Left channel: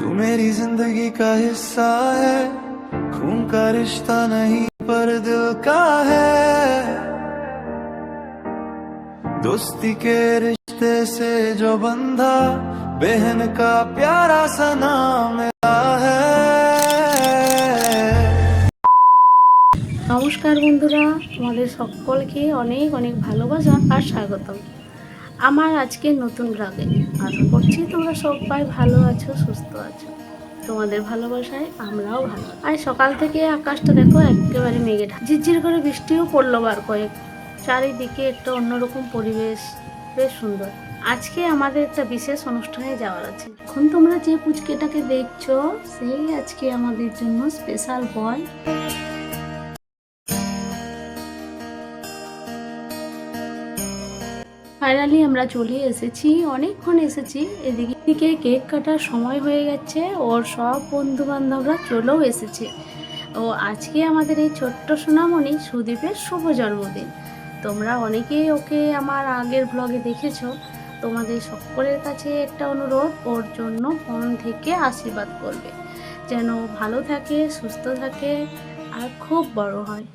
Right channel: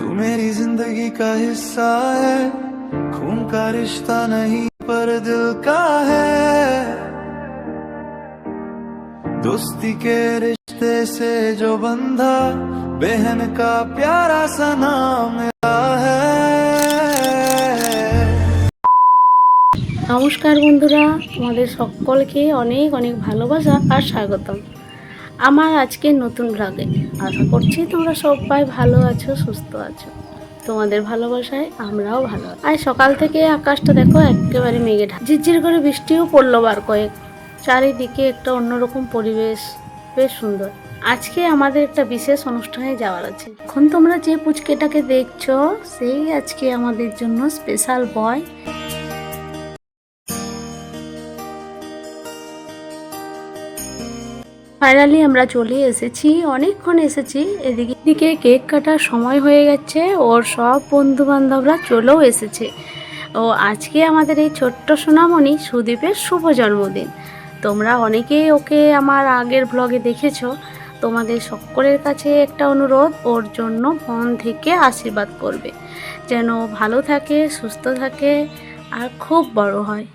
तू मेरी जिंदगी का हिस्सा है, खून का रिश्ता नहीं पर दिल का है। दोस्ती के रिश्ते से जो बंधा, बहन का प्यारा सा नाम मिला है। নমস্কার বন্ধুরা, তোমাদের সকলকে অনেক অনেক ভালোবাসা আর স্বাগতম আমার আজকের নতুন ব্লগে। আশা করছি তোমরা সবাই ভালো আছো, সুস্থ আছো। তোমাদের ভালোবাসায় আমরাও ভালো আছি। আর সকাল থেকে আকাশটা দেখো একেবারে মেঘে ঢাকা, ঝিরঝির করে বৃষ্টিও পড়লো বার কয়েক। চারিদিকে একটা অন্যরকম পরিবেশ, বেশ সুন্দর। আজকে আমাদের একটা বিশেষ অনুষ্ঠানে যাওয়ার আছে। এখন তোমরা যে পুচকেটাকে দেখছো সেই আজকে আমাদের জন্য স্পেশাল বয়। ফাইনালি আমরা চলে এসেছি, অনেকক্ষণ এসেছি। এদিকে কেক কাটার সময় হয়ে গেছে, ওর সব বন্ধু বান্ধবরা চলেও এসেছে। ও আজকে আমাদের এই ছোট্ট সোনামণি সুদীপের শুভ জন্মদিন। তোমরা অনেকেই ওকে আমার আগের ব্লগে দেখেছো। তোমাদের সকলের কাছে একটা অনুরোধ, ওর জন্য মন থেকে আশীর্বাদ করবে, যেন ভালো থাকে, সুস্থ থাকে আর খুব বড় হয়।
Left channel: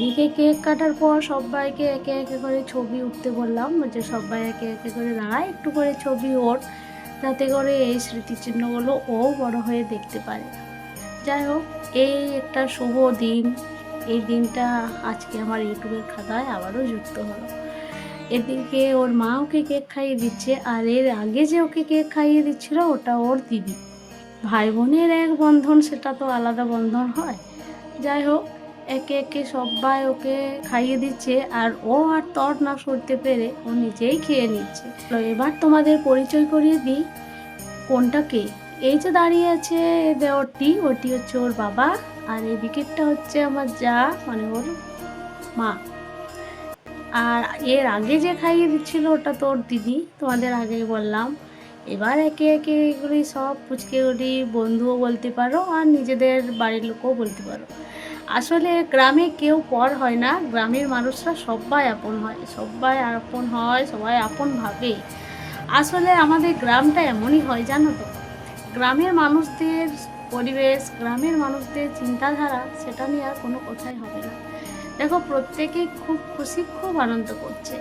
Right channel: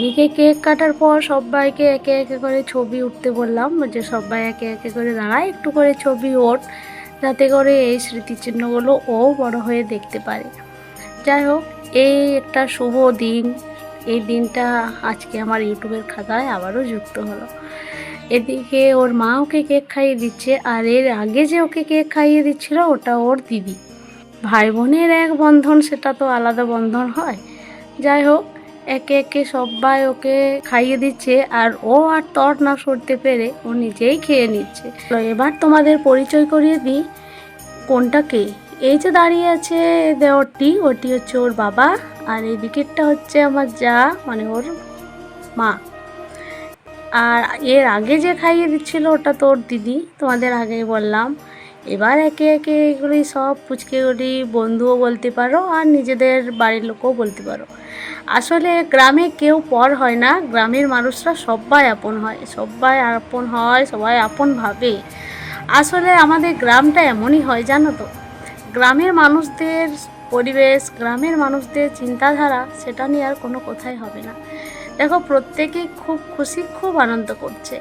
এদিকে কেক কাটার পর সবাইকে একে একে করে ছবি উঠতে বললাম, যে সবাই একে একে করে দাঁড়ায়, একটু করে ছবি ওঠ, যাতে করে এই স্মৃতিচিহ্নগুলো ও বড় হয়ে দেখতে পারে। যাই হোক, এই একটা শুভ দিন। এই দিনটা আজকে আমার ইউটিউবের খাতায় আবারও যুক্ত হলো। এদিকে ওর মা ওকে কেক খাইয়ে দিচ্ছে, আর এর আগে যে ওকে কেক খাইয়ে দিচ্ছিল ওটা ওর দিদি। ভাই বোনের এক বন্ধন, সেটা তো আলাদা বন্ধন হয়। যাই হোক, একে একে সবাই ওকে খাইয়ে দিচ্ছে, আর ও আর তর না সরতে পেরে ও নিজেই খেয়ে নিচ্ছে। এবার তোমাদের পরিচয় করিয়ে দিই কোনটা কে। এই যে দাঁড়িয়ে আছে দেওরটি, ওটি হচ্ছে ওর বাবা, আর এই দিকেরটা হচ্ছে আমার যা, মানে ওর মা। আর এর আগে যে খাইয়ে দিচ্ছিল ওটা তো ওর দিদি, তোমাদের আগেই বললাম। এবার একে একে এগুলি সব পুচকেগুলি বন্ধুও বলতে পারো, আর নিজেদের বাড়ির লোকও বলতে পারো। আসলে গ্রামে কেউ পর হয় না, গ্রামের মানুষরা সবাই আপন হয়, সবাই আপন হয়, সবাই আপন ভাবে। আসলে আমাদের গ্রামটা এমনই হয়, জানো তো। গ্রামের মানুষদের পরিবেশ, গ্রামের মানুষদের চিন্তাধারা, সেটা নিয়ে আর কোনো কথাই হবে না। দেখো, প্রত্যেকেই খুব খুশি, খুব আনন্দ করছে।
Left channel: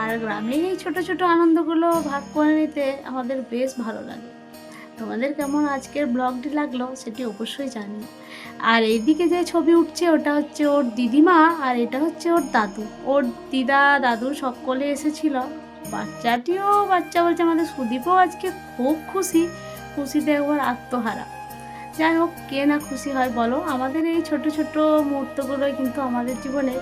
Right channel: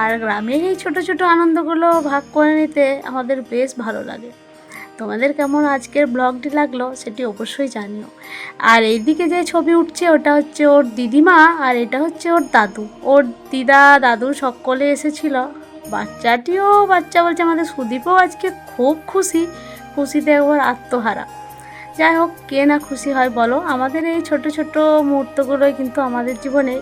আর গ্রামের এই ছোটো ছোটো আনন্দগুলো ভাগ করে নিতে আমাদের বেশ ভালো লাগে। তোমাদের কেমন আজকের ব্লগটি লাগলো সেটি অবশ্যই জানিও। আর এইদিকে যে ছবি উঠছে ওটা হচ্ছে ওর দিদিমা, আর এটা হচ্ছে ওর দাদু। ওর দিদা দাদু সকলে এসেছিল। বাচ্চাটিও, বাচ্চা বলছে আমাদের সুদীপও আজকে খুব খুশি, খুশিতে একবার আত্মহারা। যাই হোক, কে না খুশি হয় বলো। আমাদের এই ছোট ছোট মুহূর্তগুলোই কিন্তু আমাদের জীবনে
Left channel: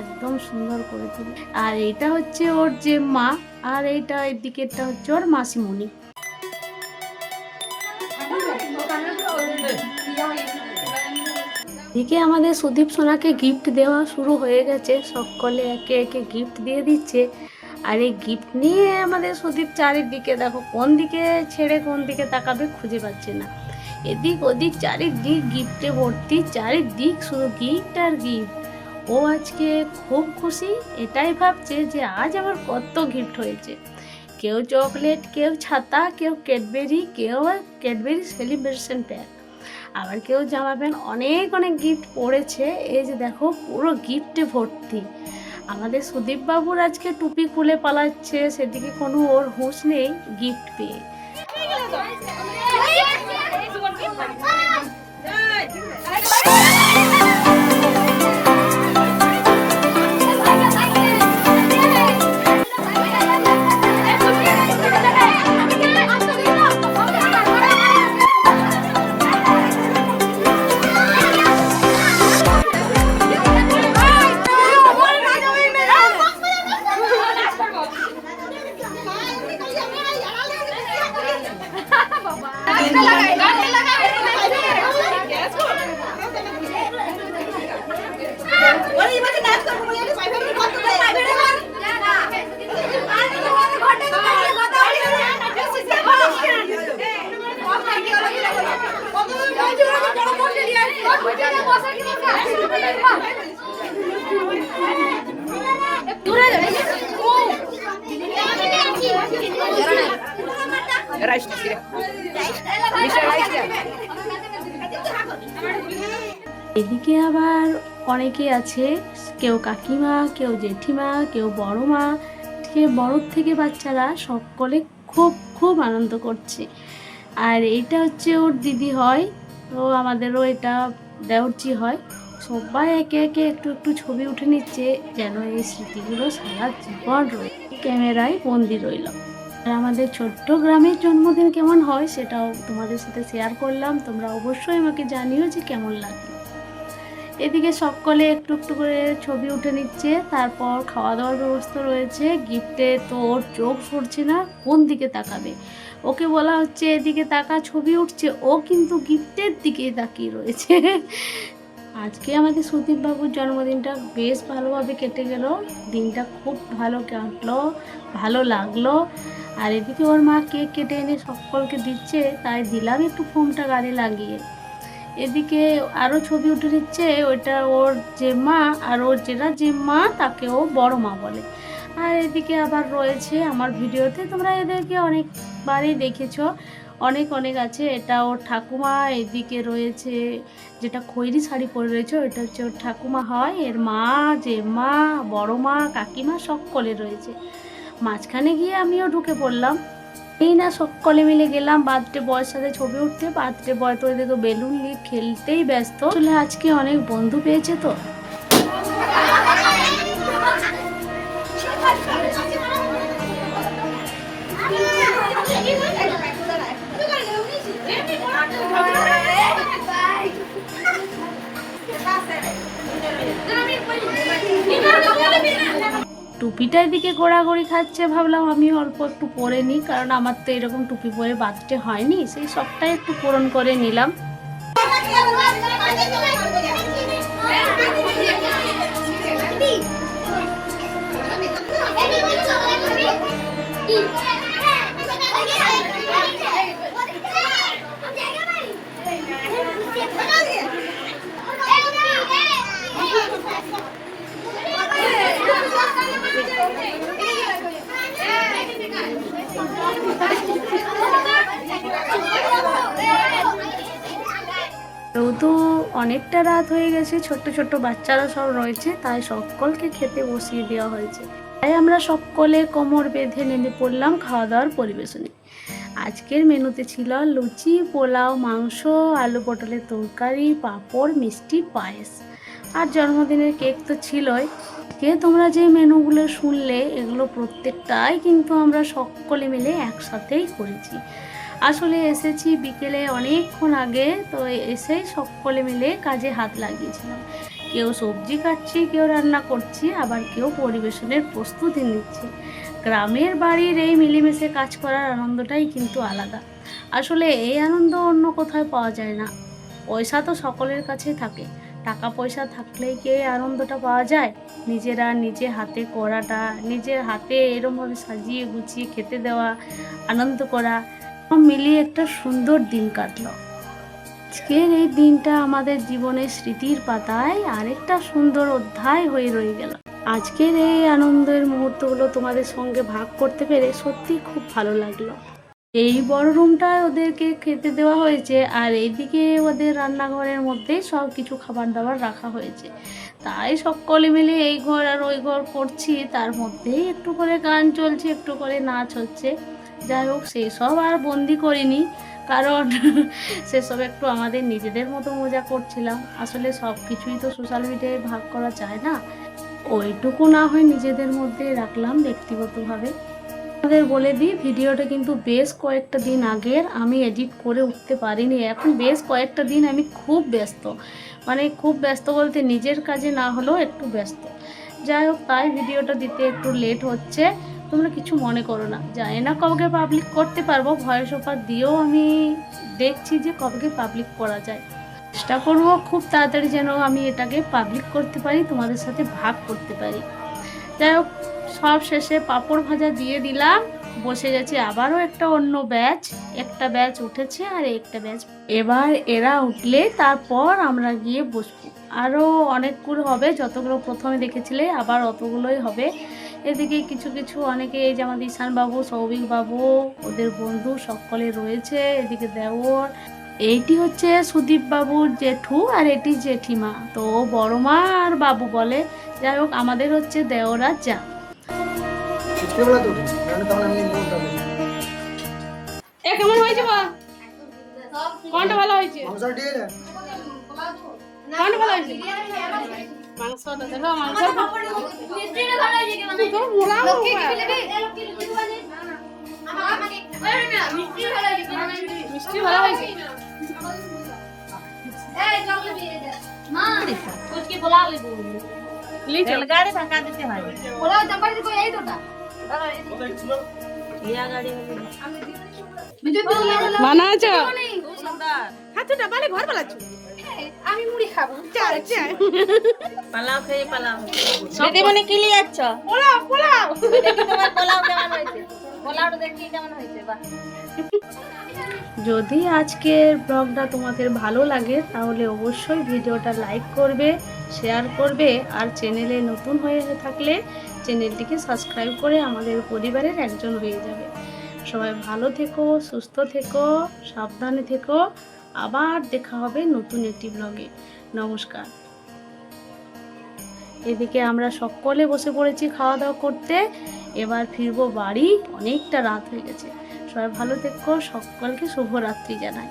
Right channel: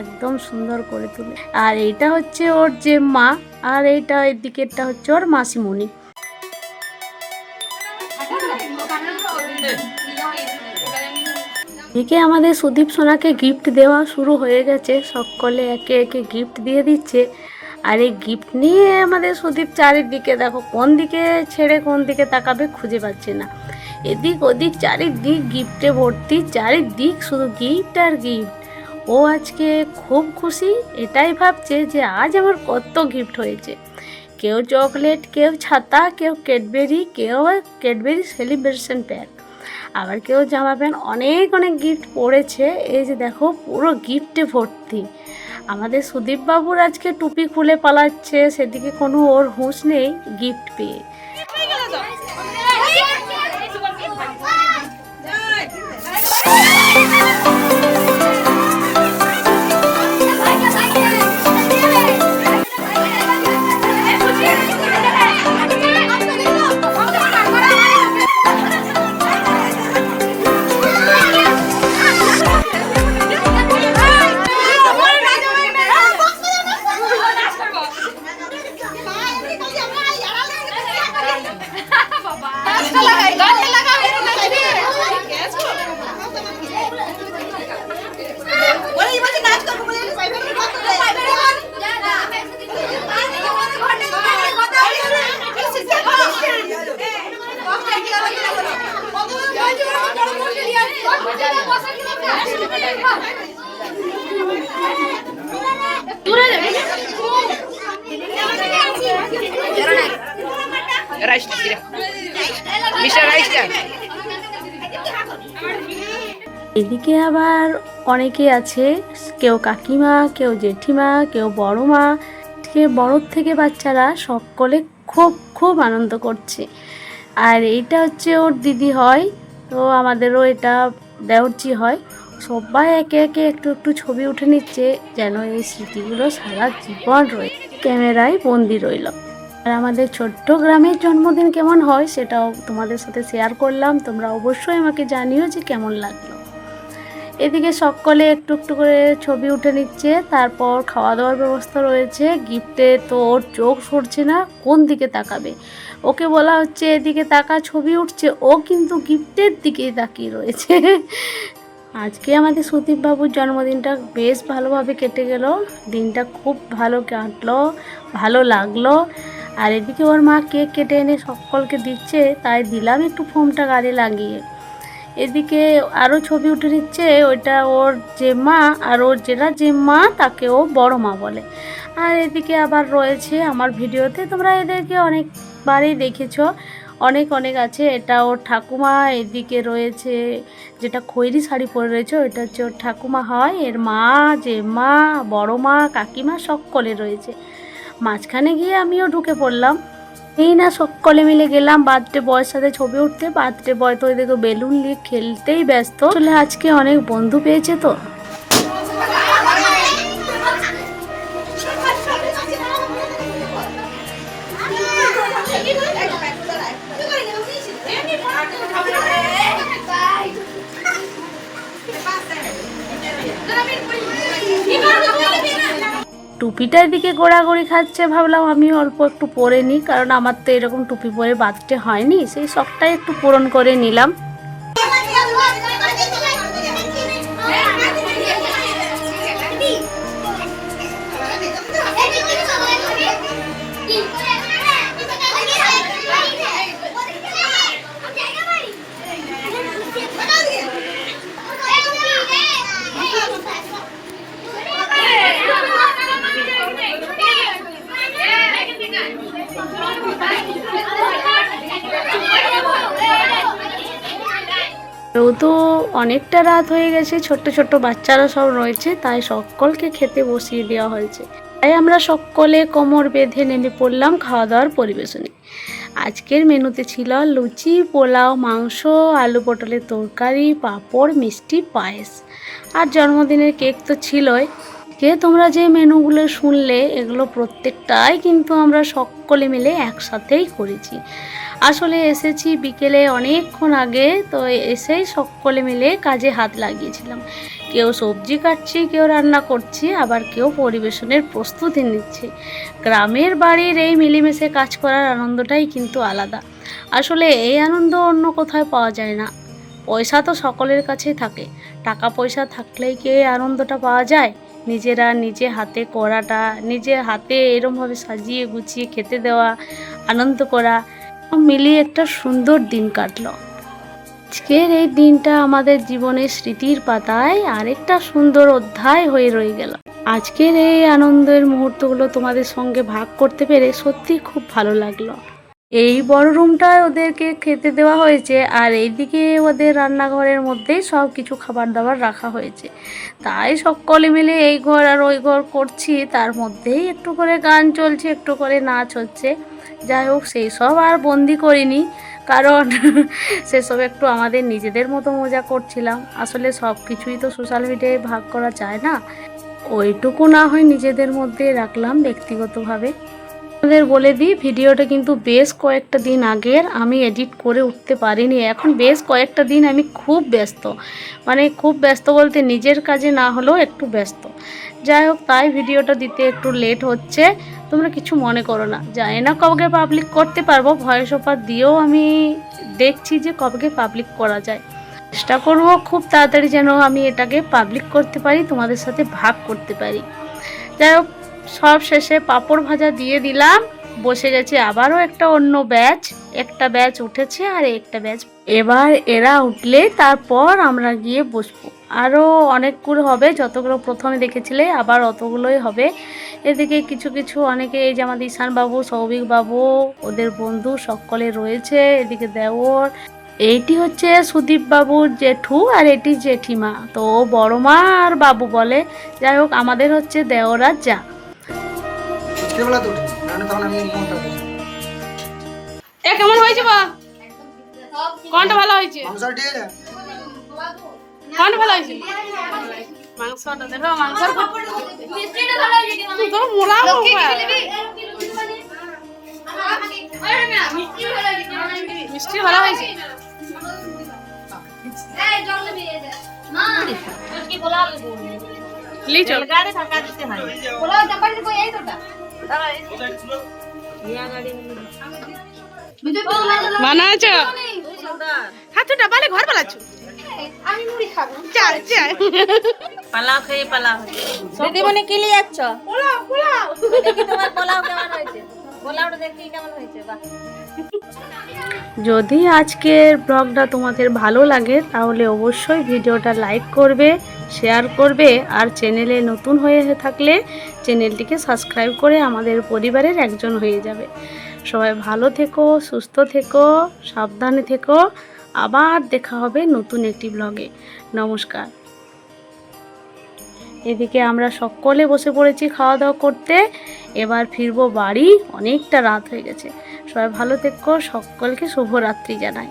একদম সুন্দর করে তোলে। আর এইটা হচ্ছে ওর যে মা, আর এইটা এর দিকেরটা হচ্ছে ওর মাসিমণি। এদিকে আমাদের সুদীপ সোনাকে গিফট দেওয়া শুরু হয়ে গেছে, সকলে একে একে গিফট দিয়ে দিচ্ছে। আর এই গিফট নিয়ে আমাদের সুদীপ চারিদিকে, দেখো কোন দিকে ছেড়ে কোন দিকে তাকাবে খুঁজে পাচ্ছে না। এদিক ওদিক চারিদিক গিফটে ভর্তি, চারিদিক শুধু গিফট আর গিফট। ও আজকে খুব খুশি, এটাই ভাবছে যে আজ আমার কত গিফট হয়েছে। কেউ চকলেট, কেউ ছাতা, কেউ ক্যাডবেরি সেলিব্রেশন প্যাক, আবার কেউ জামা প্যান্ট, অনেক অনেক গিফট পড়েছে। এই যে দেখো পুরো গিফটে ভর্তি। আমাদের সুদীপ বাবুর আজকে টুপি খুলে পালাচ্ছে, সেদিকে কোনো ওর হুঁশ নেই গিফট পেয়ে। এদিকে আবার অনেকে আছে, কেউ কাকিমা, কেউ জেঠিমা, কেউ বড় মা, বড়োর থেকে বাচ্চারা সকলে খুব খুব আনন্দ করছে। আর এইটা হচ্ছে ওর দিদি হয়, তো আমাদেরও এটা দেওরচি হয়। সবাই একে একে একটু একটু ছবি উঠে নিচ্ছে, যেন এই স্মৃতিগুলো সারা জীবন ক্যামেরায় বন্দি রইল। আর আমাদের ছোট্ট গ্রামের জন্মদিন কেমন হয় সেটাও তোমাদের সাথে শেয়ার করলাম। তোমরা অবশ্যই আমাকে জানিও যে কেমন লাগলো। এদিকে সকলে একটু একটু করে ছবি উঠে নিচ্ছে, তারপর খাওয়া দাওয়ার ব্যবস্থা রয়েছে। গিফটে তো ওর চোখ সরছে না, কোন দিকে তাকাবে। ওকে বলা হচ্ছে এদিকে তাকা, ছবি উঠছে, ও কিন্তু গিফটের দিকেই তাকিয়ে রয়েছে। আজকে আমাদের সুদীপ বাবুর জন্মদিনটা বেশ ভালোভাবে কেটে গেল, দিনটা খুব ভালো কাটলো, ভালো লাগলো। আর এদিকে ওর মা কেক কেটে এনে সকলকে দিচ্ছে, তাই দিলাম একটু ফোমটা গাড়ি লাগিয়ে। এদিকে আরও ছবি উঠে নিচ্ছে, ওইটা ওর যে মা, আর ওর যেটা যে মা তাকে ও বড় মা বলে। আর এদিকে আবার রয়েছে আমার ভিডিওতে, তোমরা এদেরকে অনেকবারই দেখেছো, অনেক অনেক আছে। এটা ওর ঠাকুমা, এদিকে রয়েছে যেটা খয়েরি শাড়ি পরে রয়েছে ওইটা হচ্ছে ওর ঠাকুমা হয়, এর মা, যে মা, বড় মা, কাকিমা সকলে রয়েছে। মাঝখানে গিয়ে আমিও ঢুকে পড়লাম। এই না সকলে মিলে গেলাম বার্থডে বয়ের সাথে ছবি উঠতে। বার্থডে বয় তো এদিকে বেলুন নিয়ে খেলতেই ব্যস্ত। আসলে আজকে অনেক বন্ধু পেয়েছে তো। টুপিটার দিকে গোড়াগড়ি খাচ্ছে, ভাবলাম আমি অল্প একটু পরে নিই, কারণ আমার তো এরকম টুপি পরে বার্থডে হয়নি, সেই শখটাই একটু পূরণ করে নিলাম। যেহেতু অনেকটা রাত হয়ে গেছে, ছোট্ট ছোট্ট বাচ্চারা সব রয়েছে, তাই সকলকে খেতে বসিয়ে দেওয়া হয়েছে। তাই আমরা সকলে কোমর বেঁধে নেমে পড়লাম খাওয়া দাওয়ার পরিবেশনে। আজকের মেনুতে ছিল লুচি, পোলাও, মাংস, আলু পটলের তরকারি, পাঁপড়, মিষ্টি, পায়েস, আর জন্মদিনের কেক তো ছিলই। তোমরা যে মেনুগুলো শুনলে এগুলো প্রত্যেকটাই কিন্তু আমরা সকলে মিলে একসাথেই করেছি। আসলে এসেছি বিকেলে অনেকক্ষণ আগে, তো এসেই সকলে মিলে কাজে হাত লাগিয়েছিলাম। কেউ সবজি কাটছি, কেউ রান্না করছি, আবার কেউ পরিবেশনের প্রস্তুতি নিচ্ছে। গ্রামের বাড়ির এই মিলেমিশে কাজ করার আনন্দটাই কিন্তু আলাদা। আসলে এই আনন্দ অন্য কোথাও পাওয়া যায় না। পয়সা তো সকলের কাছেই থাকে, টাকা পয়সা থাকলেই কি এই আনন্দটা পাওয়া যায়? নিজেরা নিজে হাতে করাটা, নিজের হাতে এরমভাবে সাজিয়ে গুছিয়ে খেতে দেওয়া, আনন্দ করা, মিলিয়ে একটা সুন্দর দিন কাটলো। আজকের এই দিনটা আমাদের জীবনের স্মৃতির পাতায় আরেকটা সুন্দর অধ্যায় হয়ে রয়ে গেল। আজকের এই আনন্দের মুহূর্তগুলো তোমাদের সঙ্গে ভাগ করতে পেরে সত্যি খুব ভালো লাগলো। এই বড় রুমটায় ওদেরকে খেতে দেওয়া হয়েছে, আর এইদিকে ওদের রান্নাঘরের মধ্যেই সব কিছু খাবার দাবার রাখা হয়েছে। তাই সকলে মিলে এই ঘর আর ওই ঘর করছি, তার মধ্যেই একটু করে গান চলছে, একটু করে নাচ হচ্ছে। যাই হোক, সেই সব আর বন্দি করিনি, কারণ সেসব একটু আমাদের নিজেদের মতো মজা করছিলাম। আসলে সব কিছুই তো সোশ্যাল মিডিয়ায় ভাগ করা যায় না, ওইটুকু না হয় নিজেদের মধ্যে রাখলাম ব্যক্তিগতভাবে। আপনাদের বলে দিই, ভিডিওটা কিন্তু বেশ কয়েকটা দিন আগের, আমি এডিট করে উঠতে পারিনি। এখন বেশ কয়েকটা দিন আমি খুব ব্যস্ত, মানে খুব ব্যস্ত বলতে নিজের কাজে না হলেও একটু ব্যস্ত। যাই হোক, তাই ভিডিওটা দিতে একটু লেট হচ্ছে, তোমরা কিছু মনে করো না। জানি না কবে পাবলিক করতে পারবো, ভয়েস ওভার দিয়েও আমি দেখছি যে কবে পাবলিক করা যায়। চেষ্টা করবো খুব তাড়াতাড়ি যেন আমি এটাকে পাবলিক করতে পারি, তোমাদের সাথে ভাগ করতে পারি। যাই হোক, সব শেষে পাঁপড় ভাজা দিয়ে দিলাম, বসে গেছে আবারও একটা অন্য ব্যাচ, একটা ব্যাচ উঠেছে আর একটা ব্যাচ, এবার এরা উঠলে তারপর আমরা গিয়ে বসবো। আরও অনেকগুলো হবে, যতগুলো প্রথমে দেখেছিলে আবার অতগুলোই হবে। এদিকে কিছু কিছু অনেকে, এই যে আমাদের ঈশান বাবু, সৌভিক বাবু, ওদের বন্ধু সকলে রয়েছে, এদিকে দেওর, এইটি হচ্ছে সুদীপ বাবুর জেঠু আর এটি জেঠিমা, তো ও বড় মা আর বাবু বলে। যাই হোক, আমাদের হচ্ছে দেওরা যা। কেমন হয়েছে বা কোনটা ভালো হয়েছে? কোনটা ভালো হয়েছে? মাংসটা দেখো, মাংসর তো মোলা মিষ্টি ভালো হয়েছে। বানাচ্ছ হাতুটা বালে ঘর বানাচ্ছো? আমি মুড়ি খাবো। চাল চাল পালাও খেয়ে পালাও দিদি মনে কি নিয়ে যাচ্ছ? পোলাও পোলাও দেখি তোমার পোলাও কেমন হয়েছে, পোলাওটা দেখি কেমন হয়েছে। বাহ, যদি আজকের ব্লগটা তোমাদের ভালো লাগে তাহলে অবশ্যই ভিডিওটা লাইক করবে, শেয়ার করবে, আর চ্যানেলে নতুন হয়ে থাকলে চ্যানেলটিকে সাবস্ক্রাইব করে আমাদের পরিবারের একজন হয়ে যাবে। সবাই ভালো থেকো, সুস্থ থেকো, সাবধানে থেকো। আবার দেখা হবে নতুন একটি ব্লগে। নমস্কার। এদিকে আমরা সকলে বসে পড়েছি খাওয়া দাওয়া করতে, এবার ফিরবো বাড়ি, অনেকটা রাত হয়ে গেছে। সবাই ভালো থেকো, সকলকে শুভরাত্রি জানাই।